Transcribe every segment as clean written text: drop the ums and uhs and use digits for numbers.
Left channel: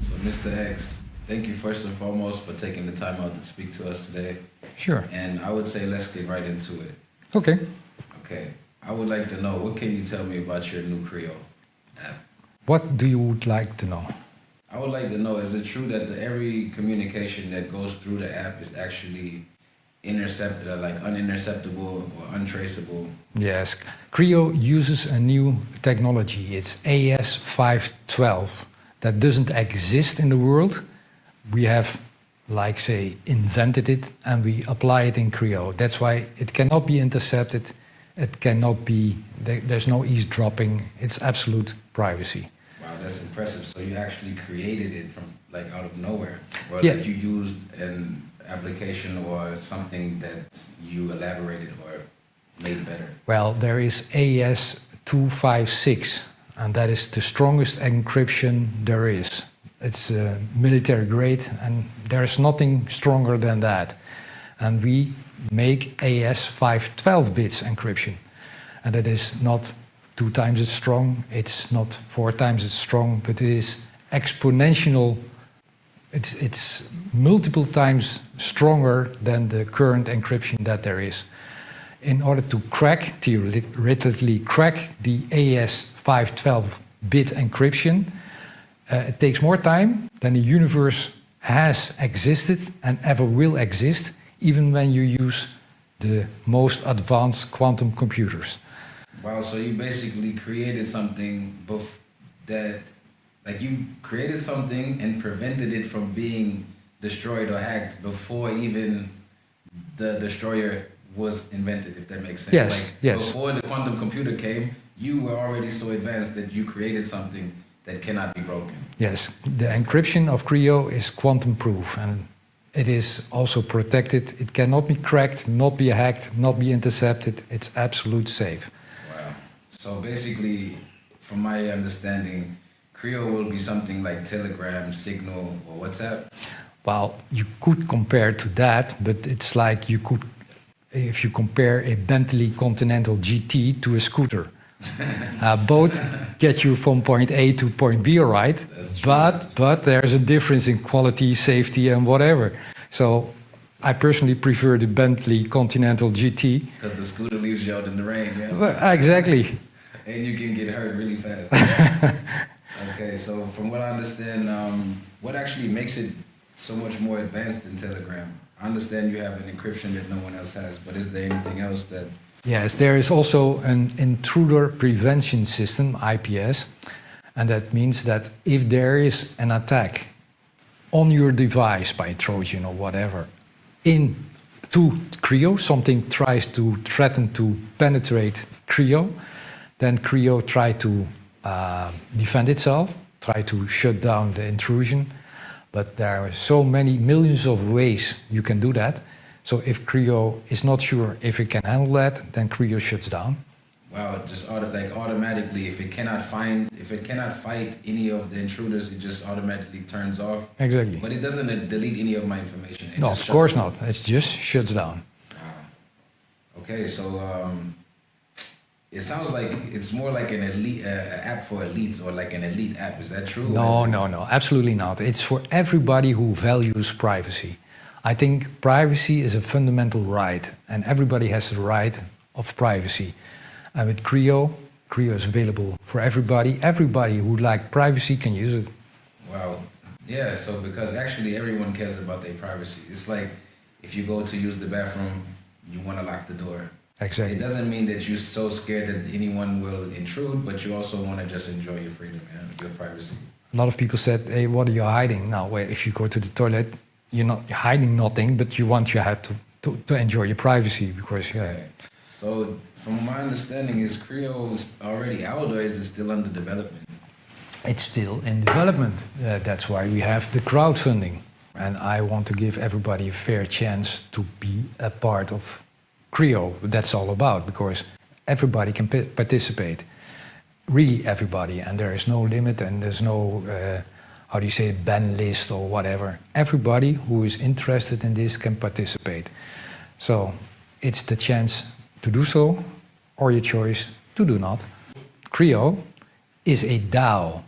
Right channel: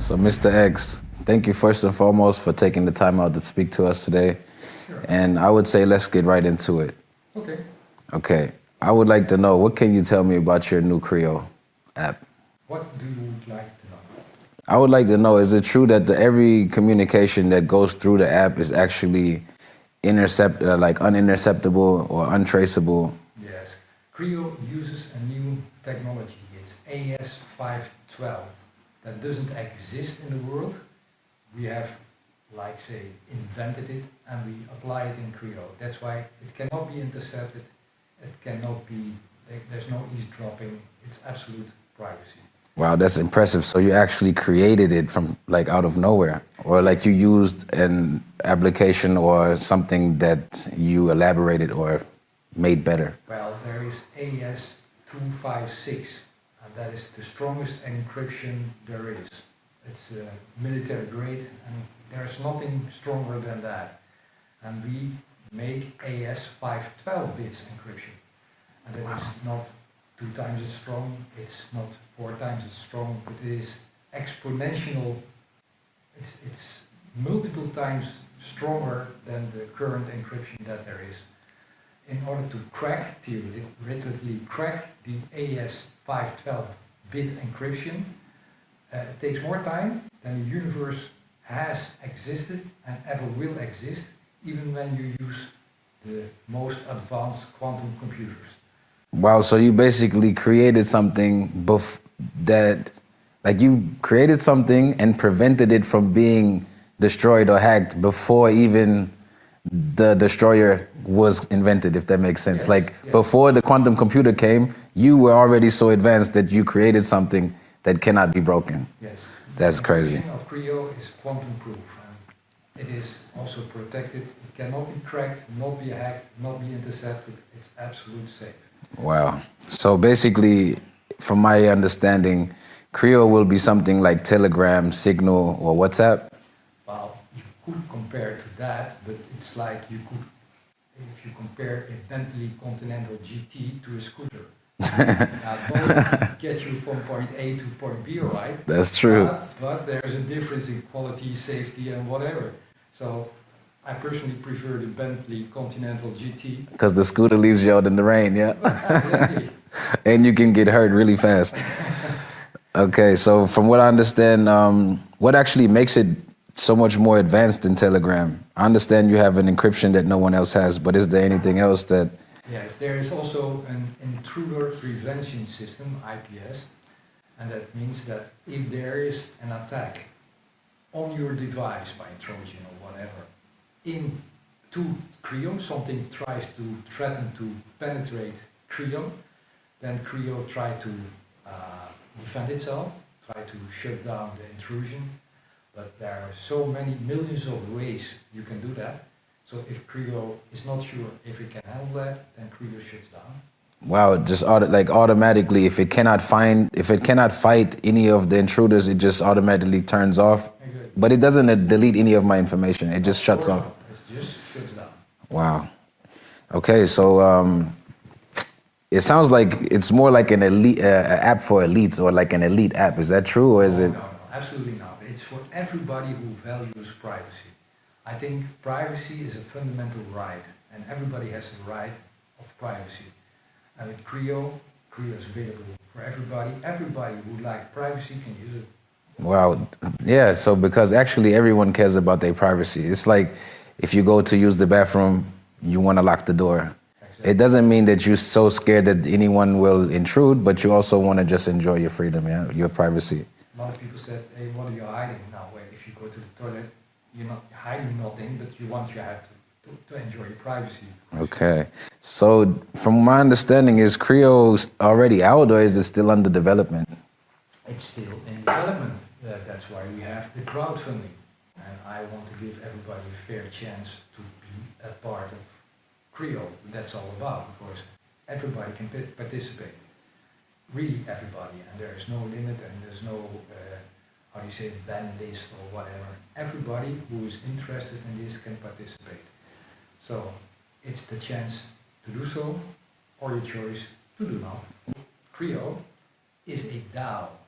So, Mr. X, thank you first and foremost for taking the time out to speak to us today. Sure. And I would say let's get right into it. Okay. Okay. I would like to know, what can you tell me about your new CREO app? What do you would like to know? I would like to know, is it true that every communication that goes through the app is actually uninterceptable or untraceable? Yes. CREO uses a new technology. It's AS512 that doesn't exist in the world. We have, like say, invented it and we apply it in CREO. That's why it cannot be intercepted. It cannot be, there's no eavesdropping. It's absolute privacy. Wow, that's impressive. So you actually created it from out of nowhere, or Yeah. you used an application or something that you elaborated or made better? Well, there is AS256, and that is the strongest encryption there is. It's military grade, and there's nothing stronger than that. And we make AS512 bits encryption, and it is not 2 times as strong, it's not 4 times as strong, but it is exponential. It's multiple times stronger than the current encryption that there is. In order to theoretically crack the AS512 bit encryption, it takes more time than the universe has existed and ever will exist, even when you use the most advanced quantum computers. Wow, so you basically created something you created something and prevented it from being destroyed or hacked before even the destroyer was invented, if that makes sense. Yes, yes. Before the quantum computer came, you were already so advanced that you created something that cannot be broken. Yes, the That's encryption crazy. of CREO is quantum proof, and it is also protected. It cannot be cracked, not be hacked, not be intercepted. It's absolute safe. Wow. So basically, from my understanding, CREO will be something like Telegram, Signal, or WhatsApp? Well, you could compare to that, but it's like if you compare a Bentley Continental GT to a scooter. Both get you from point A to point B, all right? That's true. But there's a difference in quality, safety, and whatever. So I personally prefer the Bentley Continental GT. Because the scooter leaves you out in the rain, yeah? Exactly. And you can get hurt really fast. Okay, so from what I understand, what actually makes it so much more advanced than Telegram? I understand you have an encryption that no one else has, but is there anything else that... Yes, there is also an intruder prevention system, IPS, and that means that if there is an attack on your device by Trojan or whatever, into CREO, something tries to threaten to penetrate CREO, then CREO try to defend itself, try to shut down the intrusion. But there are so many millions of ways you can do that. So if CREO is not sure if it can handle that, then CREO shuts down. Wow, just automatically, if it cannot fight any of the intruders, it just automatically turns off. Exactly. But it doesn't delete any of my information. It just shuts off. Of course not. It just shuts down. Wow. Okay, so it sounds like it's more like an elite app for elites, or like an elite app. Is that true? No, absolutely not. It's for everybody who values privacy. I think privacy is a fundamental right, and everybody has the right of privacy. And with CREO is available for everybody. Everybody who would like privacy can use it. Wow. Yeah, so because actually everyone cares about their privacy. It's like if you go to use the bathroom, you want to lock the door. Exactly. It doesn't mean that you're so scared that anyone will intrude, but you also want to just enjoy your freedom, yeah, your privacy. A lot of people said, hey, what are you hiding? Now, if you go to the toilet, you're not hiding nothing, but you have to enjoy your privacy. Because, okay. So from my understanding, is CREO already out, or is it still under development? It's still in development. That's why we have the crowdfunding. And I want to give everybody a fair chance to be a part of CREO. That's all about, because everybody can participate. Really everybody. And there is no limit, and there's no, ban list or whatever. Everybody who is interested in this can participate. So it's the chance to do so, or your choice to do not. CREO is a DAO.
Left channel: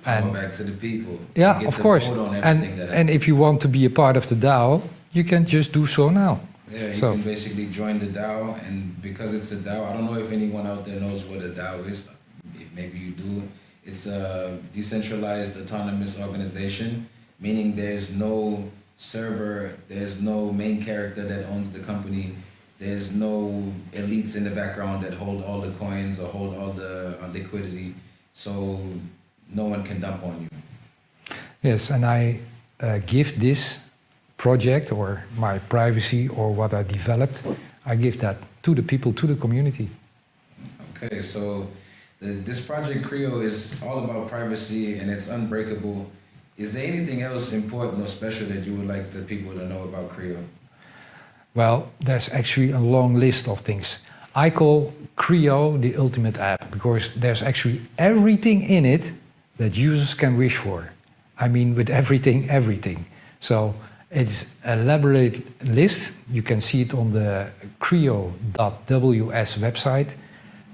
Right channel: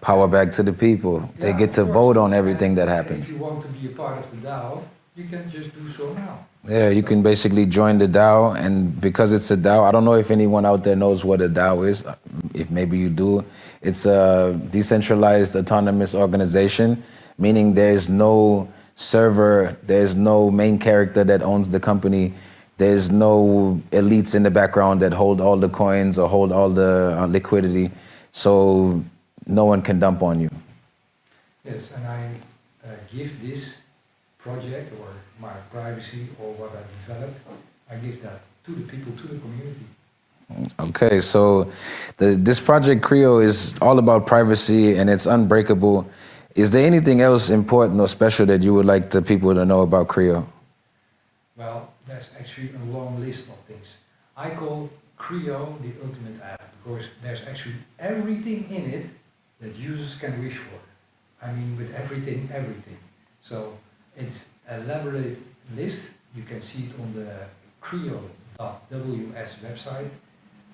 Power back to the people. Yeah, they get of to course. vote on everything that happens. And if you want to be a part of the DAO, you can just do so now. Yeah, you can basically join the DAO, and because it's a DAO, I don't know if anyone out there knows what a DAO is. If maybe you do, it's a decentralized autonomous organization, meaning there's no server, there's no main character that owns the company, there's no elites in the background that hold all the coins or hold all the liquidity, so no one can dump on you. Yes, and I give this project or my privacy or what I developed, I give that to the people, to the community. Okay, so this project CREO is all about privacy and it's unbreakable. Is there anything else important or special that you would like the people to know about CREO? Well, there's actually a long list of things. I call CREO the ultimate app because there's actually everything in it that users can wish for. I mean, with everything. So it's a elaborate list. You can see it on the CREO.ws website.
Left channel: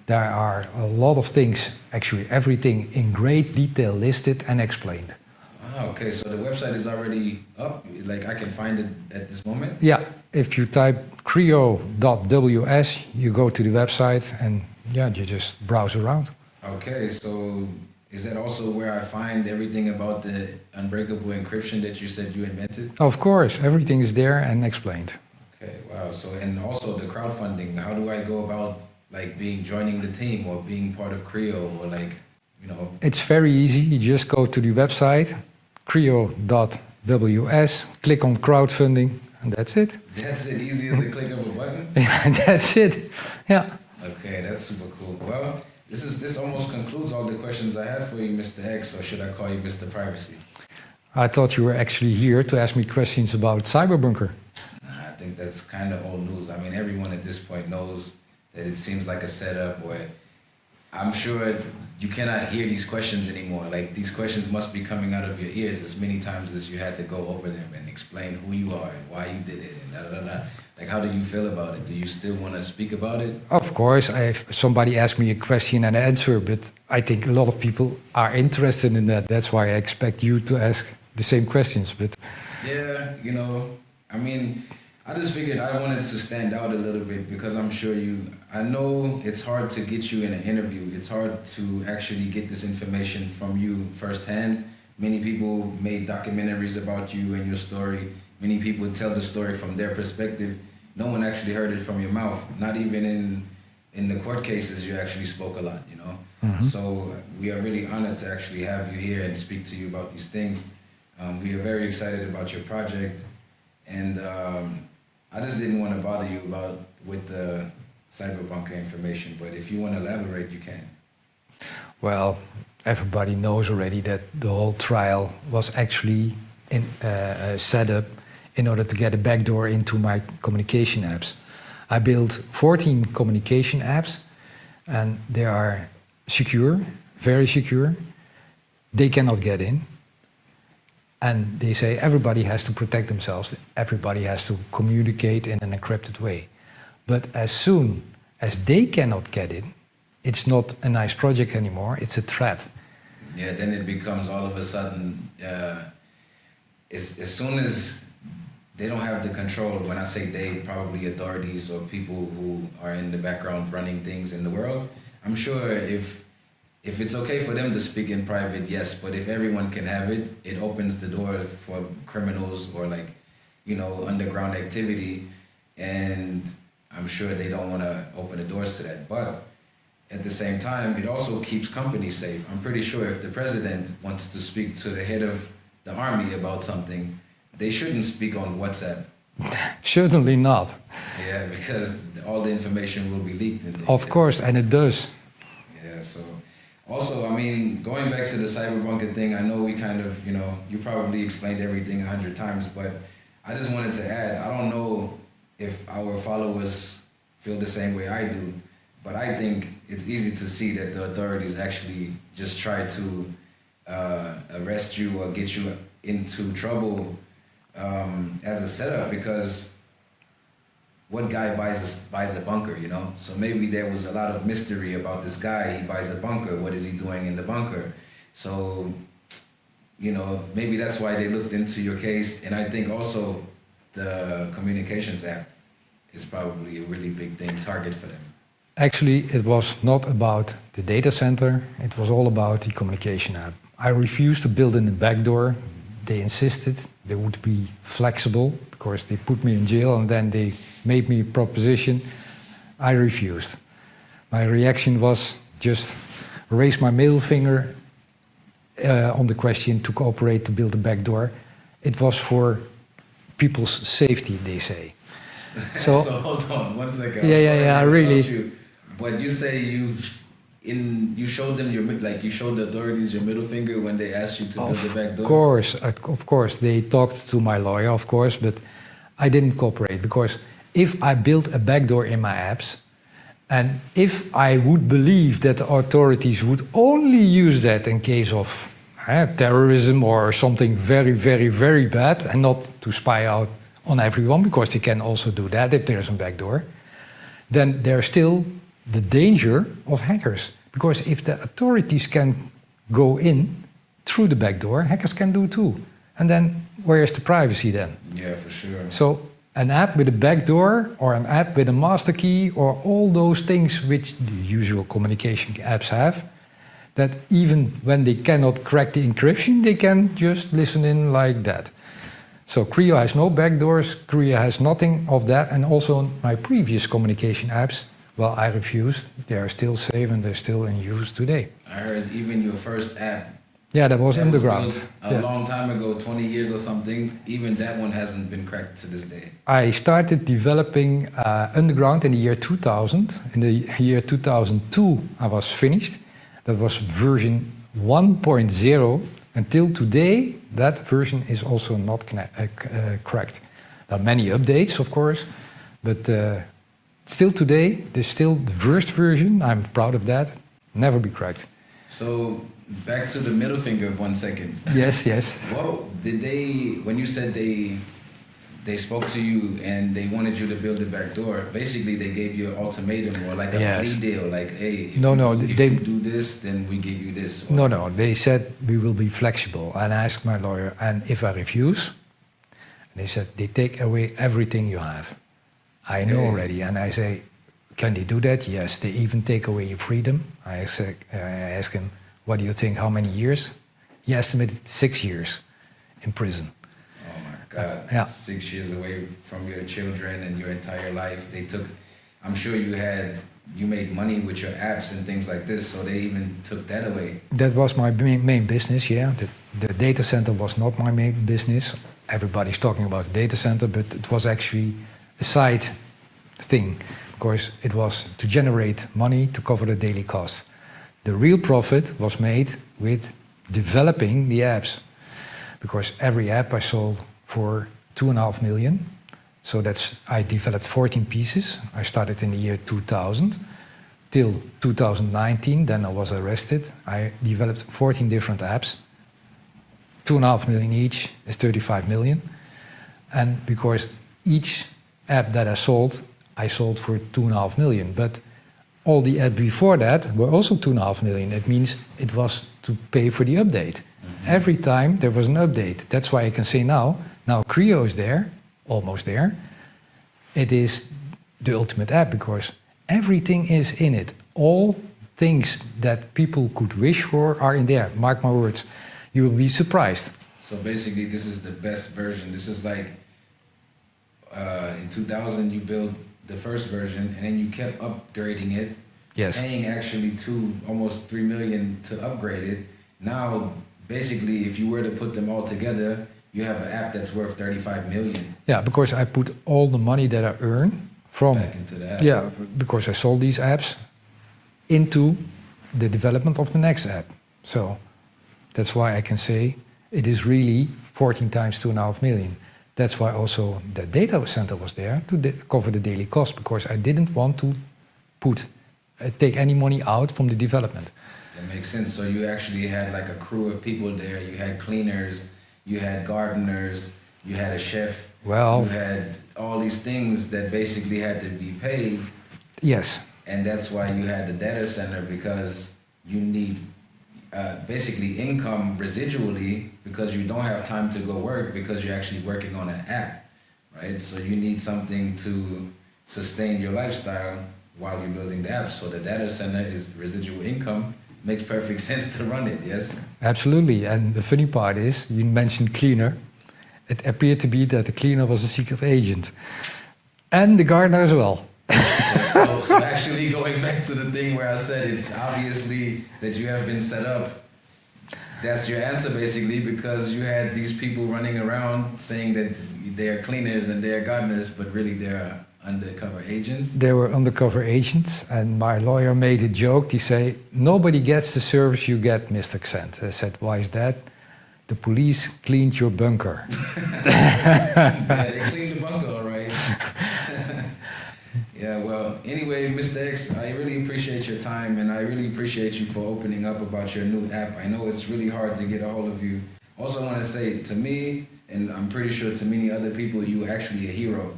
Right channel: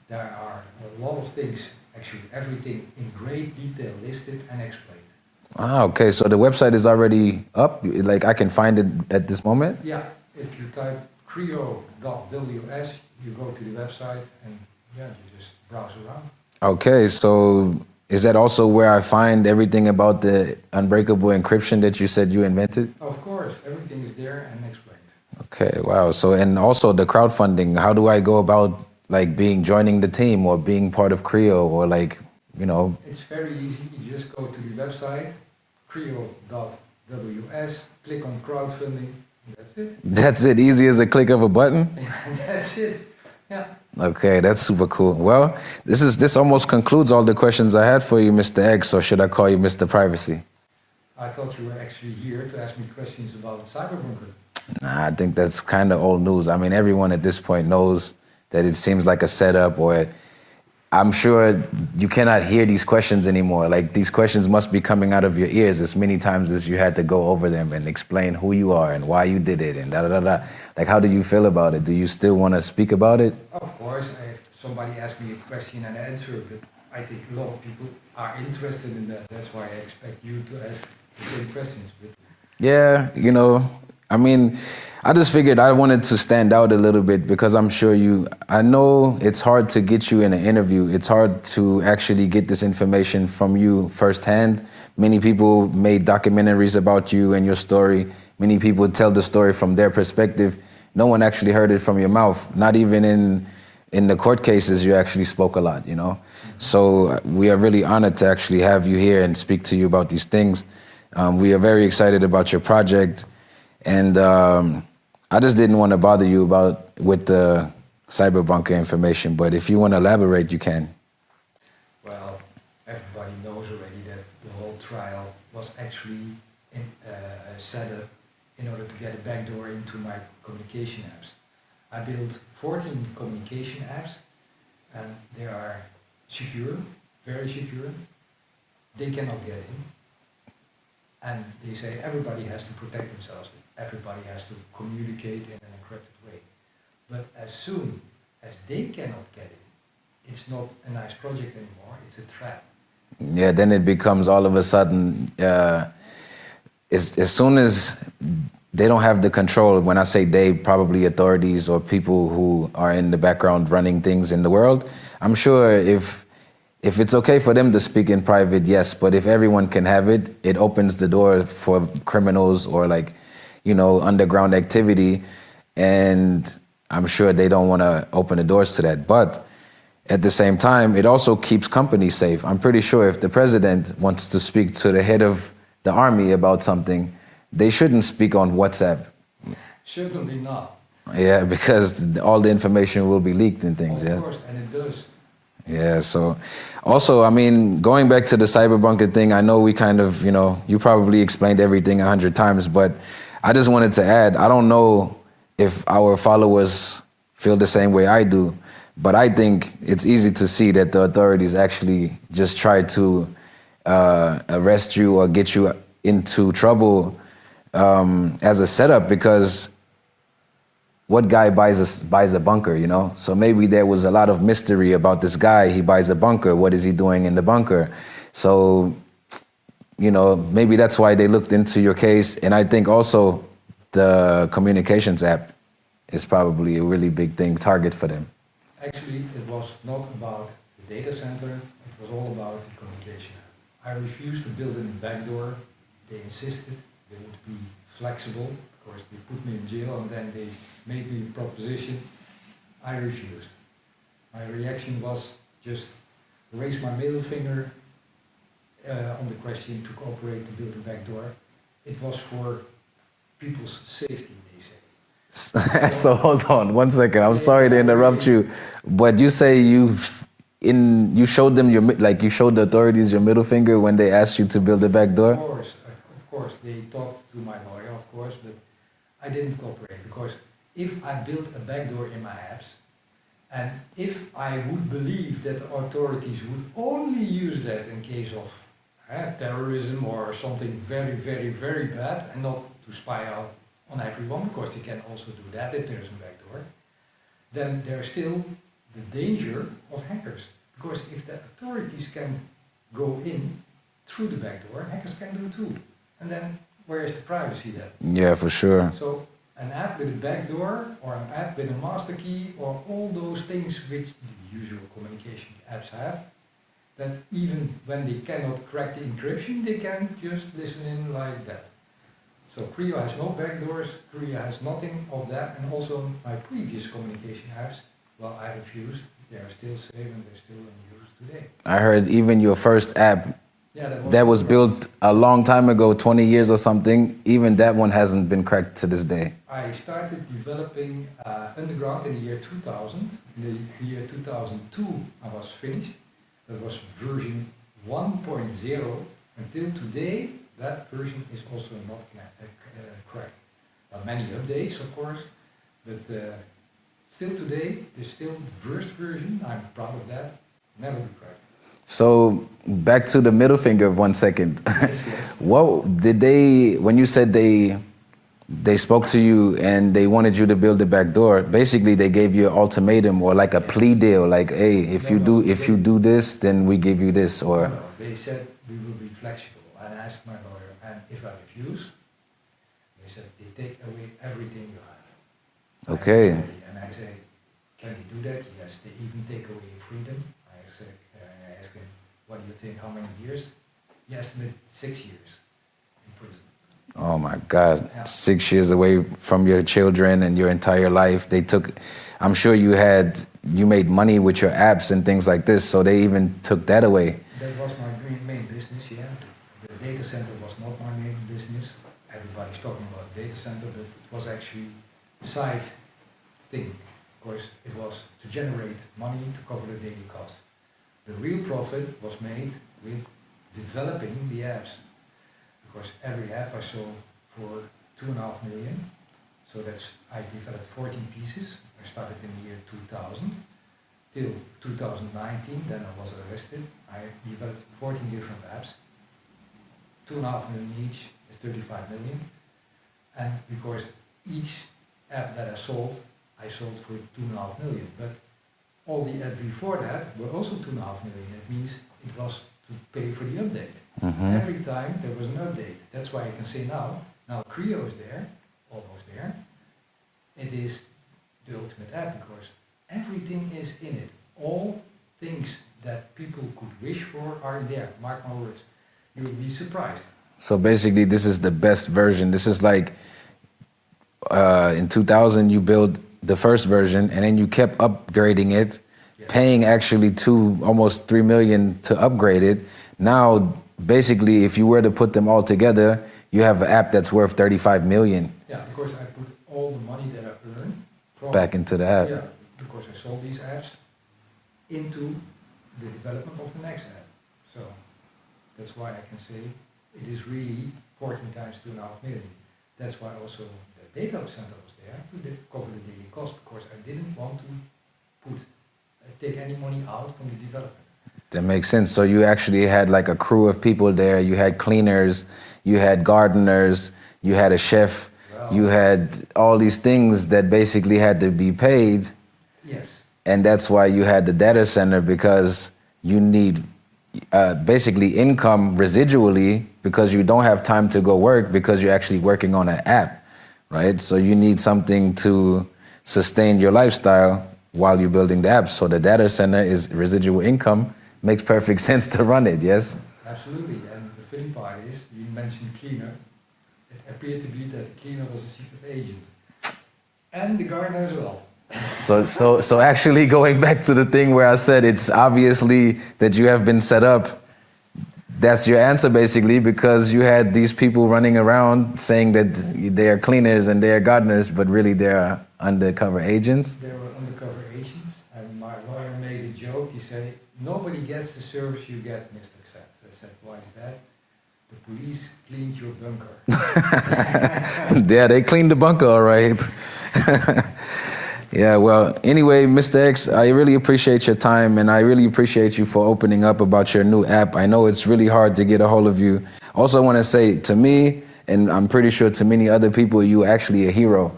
There are a lot of things, actually everything in great detail listed and explained. Ah, okay, so the website is already up? Like I can find it at this moment? Yeah, if you type CREO.ws, you go to the website and yeah, you just browse around. Okay, so is that also where I find everything about the unbreakable encryption that you said you invented? Of course, everything is there and explained. Okay, wow. So, and also the crowdfunding, how do I go about like joining the team or being part of CREO or like, you know? It's very easy. You just go to the website, CREO.ws, click on crowdfunding, and that's it. That's it, easy as a click of a button? Yeah, that's it. Yeah. Okay, that's super cool. Well, this almost concludes all the questions I had for you, Mr. X, or should I call you Mr. Privacy? I thought you were actually here to ask me questions about Cyberbunker. Nah, I think that's kind of old news. I mean, everyone at this point knows that it seems like a setup, or I'm sure you cannot hear these questions anymore. Like, these questions must be coming out of your ears as many times as you had to go over them and explain who you are and why you did it and da-da-da-da. Like, how do you feel about it? Do you still want to speak about it? Of course, if somebody asks me a question and I answer, but I think a lot of people are interested in that. That's why I expect you to ask the same questions. But yeah, you know, I mean, I just figured I wanted to stand out a little bit because I'm sure I know it's hard to get you in an interview. It's hard to actually get this information from you firsthand. Many people made documentaries about you and your story. Many people tell the story from their perspective. No one actually heard it from your mouth. Not even in the court cases, you actually spoke a lot, you know? Mm-hmm. So we are really honored to actually have you here and speak to you about these things. We are very excited about your project. And I just didn't want to bother you with the Cyberbunker information, but if you want to elaborate, you can. Well, everybody knows already that the whole trial was actually set up in order to get a backdoor into my communication apps. I built 14 communication apps, and they are secure, very secure. They cannot get in. And they say everybody has to protect themselves. Everybody has to communicate in an encrypted way. But as soon as they cannot get in, it's not a nice project anymore, it's a threat. Yeah, then it becomes all of a sudden, as soon as they don't have the control, when I say they, probably authorities or people who are in the background running things in the world, I'm sure if it's okay for them to speak in private, yes, but if everyone can have it, it opens the door for criminals or like, you know, underground activity. And I'm sure they don't want to open the doors to that. But at the same time, it also keeps companies safe. I'm pretty sure if the president wants to speak to the head of the army about something, they shouldn't speak on WhatsApp. Certainly not. Yeah, because all the information will be leaked and things. Of course, and it does. Yeah, so also, I mean, going back to the Cyberbunker thing, I know we kind of, you know, you probably explained everything 100 times, but I just wanted to add, I don't know if our followers feel the same way I do, but I think it's easy to see that the authorities actually just try to arrest you or get you into trouble as a setup, because what guy buys a bunker, you know? So maybe there was a lot of mystery about this guy. He buys a bunker. What is he doing in the bunker? So you know, maybe that's why they looked into your case. And I think also the communications app is probably a really big target for them. Actually, it was not about the data center. It was all about the communication app. I refused to build in a backdoor. They insisted they would be flexible because they put me in jail and then they made me a proposition. I refused. My reaction was just raise my middle finger on the question to cooperate to build a backdoor. It was for people's safety, they say. So hold on 1 second. I'm sorry to interrupt you, but you say you showed them you showed the authorities your middle finger when they asked you to build a backdoor. Of course, they talked to my lawyer, of course, but I didn't cooperate because if I built a backdoor in my apps, and if I would believe that the authorities would only use that in case of terrorism or something very, very, very bad, and not to spy out on everyone, because they can also do that if there's a backdoor, then there's still the danger of hackers. Because if the authorities can go in through the backdoor, hackers can do too. And then where is the privacy then? Yeah, for sure. So an app with a backdoor or an app with a master key or all those things which the usual communication apps have, that even when they cannot crack the encryption, they can just listen in like that. So CREO has no backdoors, CREO has nothing of that, and also my previous communication apps, well, I refused. They are still safe and they're still in use today. I heard even your first app that was built a long time ago, 20 years or something, even that one hasn't been cracked to this day. I started developing underground in the year 2000. In the year 2002, I was finished. That was version 1.0. Until today, that version is also not cracked. There are many updates, of course, but still today, there's still the first version. I'm proud of that. Never be cracked. So back to the middle finger of 1 second. Yes, yes. What did when you said they spoke to you and they wanted you to build a backdoor, basically they gave you an ultimatum or like a plea deal, like, hey, if you do this, then we give you this. Or No, they said we will be flexible. And I asked my lawyer, and if I refuse, they said they take away everything you have. I know already, and I say, can they do that? Yes, they even take away your freedom. I asked him, what do you think, how many years? He estimated 6 years in prison. Oh my God, yeah. 6 years away from your children and your entire life. They took, I'm sure you made money with your apps and things like this, so they even took that away. That was my main business, yeah. The data center was not my main business. Everybody's talking about the data center, but it was actually a side thing. Of course, it was to generate money to cover the daily costs. The real profit was made with developing the apps, because every app I sold for 2.5 million. So I developed 14 pieces. I started in the year 2000 till 2019. Then I was arrested. I developed 14 different apps. 2.5 million each is 35 million. And because each app that I sold for 2.5 million. But all the apps before that were also 2.5 million. It means it was to pay for the update. Mm-hmm. Every time there was an update. That's why I can say now CREO is there, almost there. It is the ultimate app because everything is in it. All things that people could wish for are in there. Mark my words, you will be surprised. So basically this is the best version. This is like in 2000 you built the first version and then you kept upgrading it, yes, paying actually almost 3 million to upgrade it. Now, basically, if you were to put them all together, you have an app that's worth 35 million. Yeah, because I put all the money that I earn from back into the app. Yeah, because I sold these apps into the development of the next app. So that's why I can say it is really 14 times 2.5 million. That's why also the data center was there to cover the daily cost, because I didn't want to take any money out from the development. That makes sense. So you actually had like a crew of people there. You had cleaners, you had gardeners, you had a chef, you had all these things that basically had to be paid. Yes. And that's why you had the data center, because you need basically income residually because you don't have time to go work because you're actually working on an app, right? So you need something to sustain your lifestyle while you're building the app. So the data center is residual income. Makes perfect sense to run it, yes? Absolutely. And the funny part is, you mentioned cleaner. It appeared to be that the cleaner was a secret agent. And the gardener as well. So actually going back to the thing where I said it's obviously that you have been set up, that's your answer basically, because you had these people running around saying that they are cleaners and they are gardeners, but really they are undercover agents. They were undercover agents, and my lawyer made a joke. He said, nobody gets the service you get, MrXennt. I said, why is that? The police cleaned your bunker. Yeah, they cleaned the bunker, all right. Yeah, well, anyway, Mr. X, I really appreciate your time, and I really appreciate you for opening up about your new app. I know it's really hard to get a hold of you. Also, I want to say to me, and I'm pretty sure to many other people, you're actually a hero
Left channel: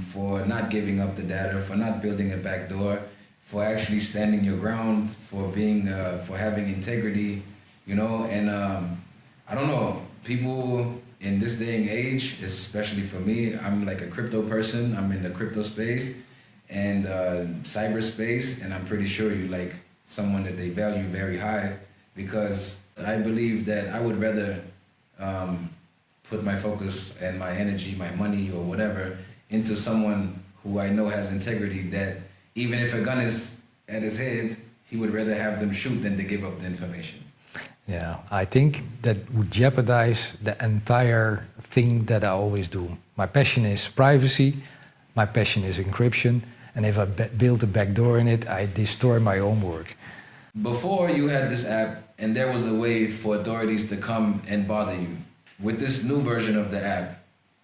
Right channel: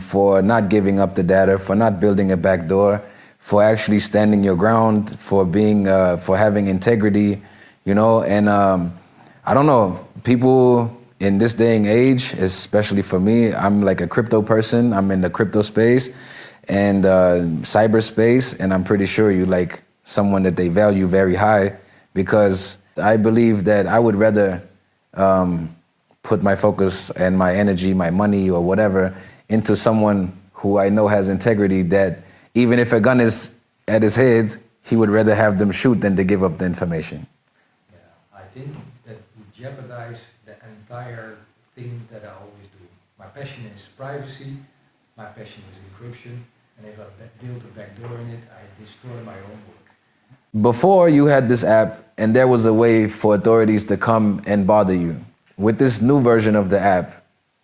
for not giving up the data, for not building a backdoor, for actually standing your ground, for being, for having integrity, you know, and I don't know, people in this day and age, especially for me, I'm like a crypto person. I'm in the crypto space and cyberspace, and I'm pretty sure you're like someone that they value very high, because I believe that I would rather put my focus and my energy, my money or whatever into someone who I know has integrity, that even if a gun is at his head, he would rather have them shoot than to give up the information. Yeah, I think that would jeopardize the entire thing that I always do. My passion is privacy, my passion is encryption, and if I build a backdoor in it, I destroy my own work. Before you had this app and there was a way for authorities to come and bother you. With this new version of the app,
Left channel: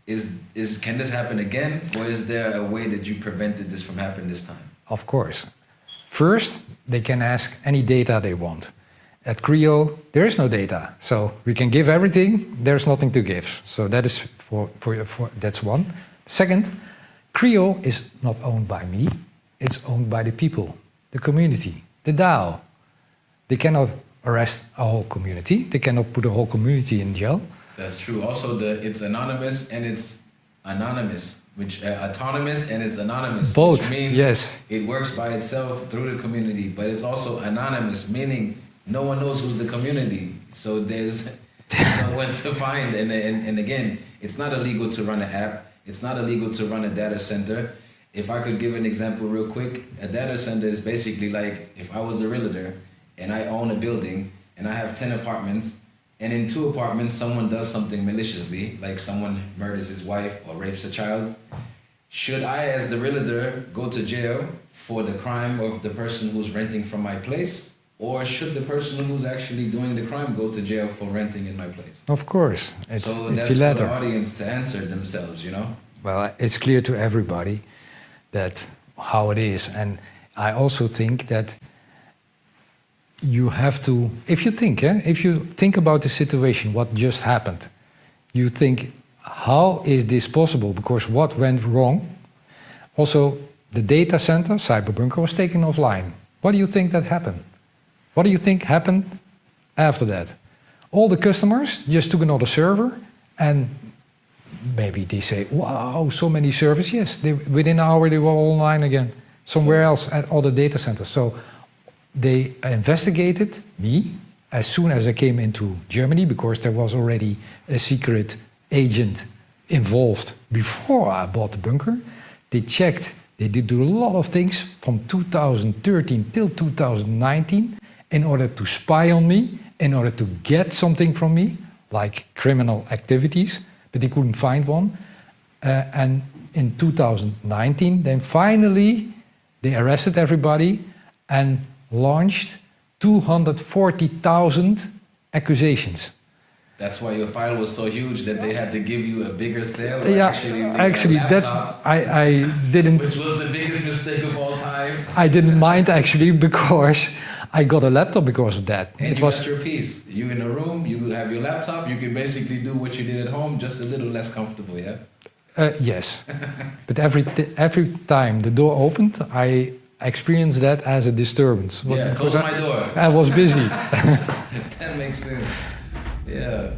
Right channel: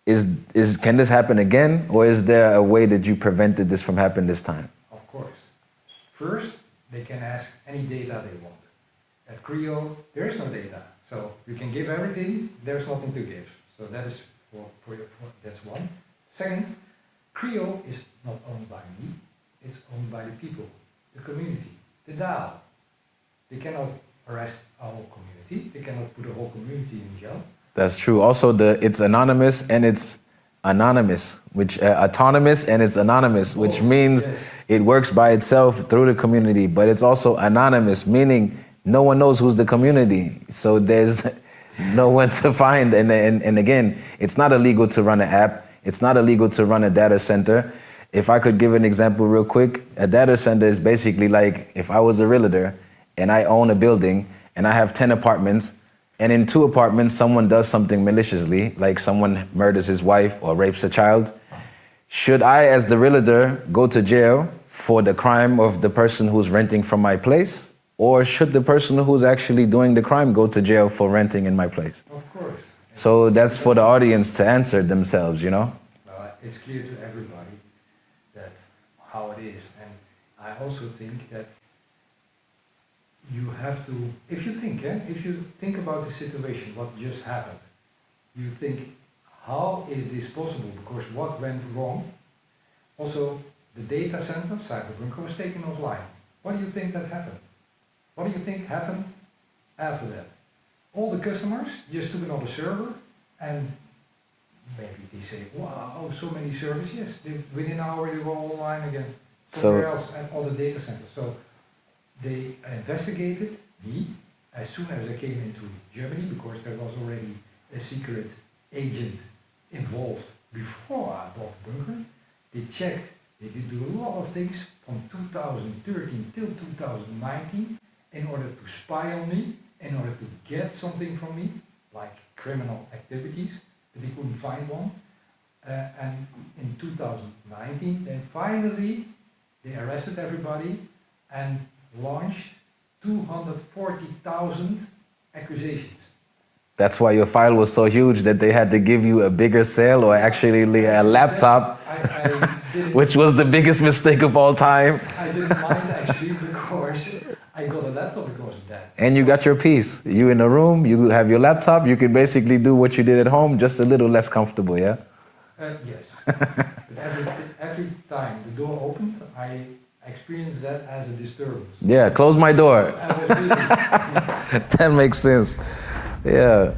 can this happen again, or is there a way that you prevented this from happening this time? Of course. First, they can ask any data they want. At CREO, there is no data, so we can give everything, there's nothing to give. So that is that's one. Second, CREO is not owned by me, it's owned by the people, the community, the DAO. They cannot arrest a whole community, they cannot put a whole community in jail. That's true. Also, it's anonymous and it's anonymous, which autonomous and it's anonymous, Both, which means yes. It works by itself through the community, but it's also anonymous, meaning no one knows who's the community. So there's no one to find. And again, it's not illegal to run an app. It's not illegal to run a data center. If I could give an example real quick, a data center is basically like if I was a realtor and I own a building and I have 10 apartments, and in 2 apartments, someone does something maliciously, like someone murders his wife or rapes a child. Should I, as the realtor, go to jail for the crime of the person who's renting from my place? Or should the person who's actually doing the crime go to jail for renting in my place? Of course. So that's for the audience to answer themselves, you know? Well, it's clear to everybody that how it is. And I also think that you have to, if you think about the situation, what just happened, you think, how is this possible? Because what went wrong? Also, the data center, Cyberbunker, was taken offline. What do you think that happened? What do you think happened after that? All the customers just took another server, and maybe they say, wow, so many servers. Yes, within an hour they were all online again, somewhere else at other data centers. So they investigated me as soon as I came into Germany, because there was already a secret agent involved before I bought the bunker. They checked, they did do a lot of things from 2013 till 2019 in order to spy on me, in order to get something from me, like criminal activities, but they couldn't find one. And in 2019, then finally, they arrested everybody and launched 240,000 accusations. That's why your file was so huge that they had to give you a bigger cell, or actually a laptop, I didn't, which was the biggest mistake of all time. I didn't mind actually, because I got a laptop because of that. And you got your peace. You in a room, you have your laptop, you can basically do what you did at home, just a little less comfortable, yeah? Yes, but every time the door opened, I experienced that as a disturbance. But Yeah, close my door. I was busy. That makes sense. Yeah.